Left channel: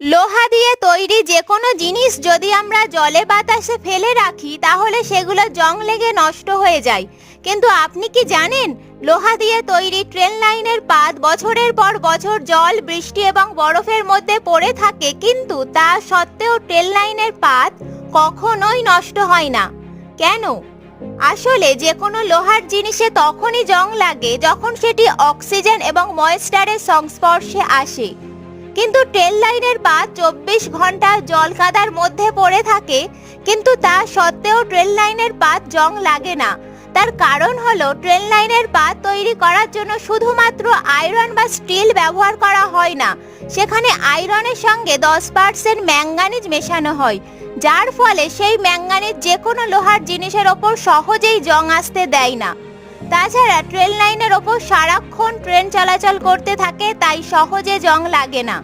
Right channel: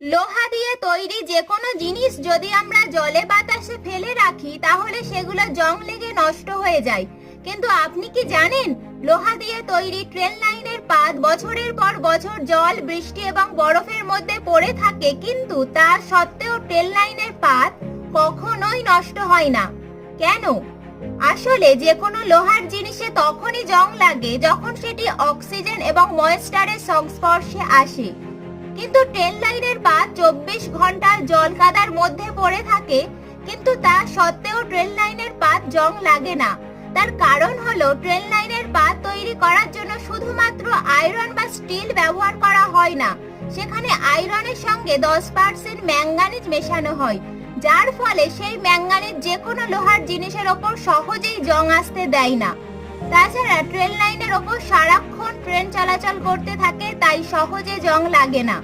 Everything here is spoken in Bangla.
লোহা দিয়ে তৈরি যে কোনো জিনিস যদি আমরা জলে বাতাসে ফেলে রাখি তাহলে সেগুলো জং লেগে নষ্ট হয়ে যায়। কিন্তু আপনি কি জানেন, লোহা দিয়ে তৈরি ট্রেন লাইনের পাত বছরের পর বছর জল, বৃষ্টি এবং বরফের মধ্যে পড়ে থাকে, কিন্তু তা সত্ত্বেও ট্রেন লাইনের পাত কখনোই নষ্ট হয় না। কেন? আসলে যে কোনো লোহার জিনিসে তখনই জং লাগে যখন সেটি অক্সিজেন এবং ময়েশ্চারের সংস্পর্শে আসে। কিন্তু ট্রেন লাইনের পাত 24 ঘন্টা জল কাদার মধ্যে পড়ে থাকে, কিন্তু তা সত্ত্বেও ট্রেন লাইনের পাত জং লাগে না। তার কারণ হলো ট্রেন লাইনের পাত তৈরি করার জন্য শুধুমাত্র আয়রন বা স্টিল ব্যবহার করা হয় না, সেখানে আয়রনের সঙ্গে 10% ম্যাঙ্গানিজ মেশানো হয়, যার ফলে সেই ম্যাঙ্গানিজ যে কোনো লোহার জিনিসের ওপর সহজেই জং আসতে দেয় না। তাছাড়া ট্রেন লাইনের ওপর সারাক্ষণ ট্রেন চলাচল করতে থাকে, তাই সহজে জং লাগে না।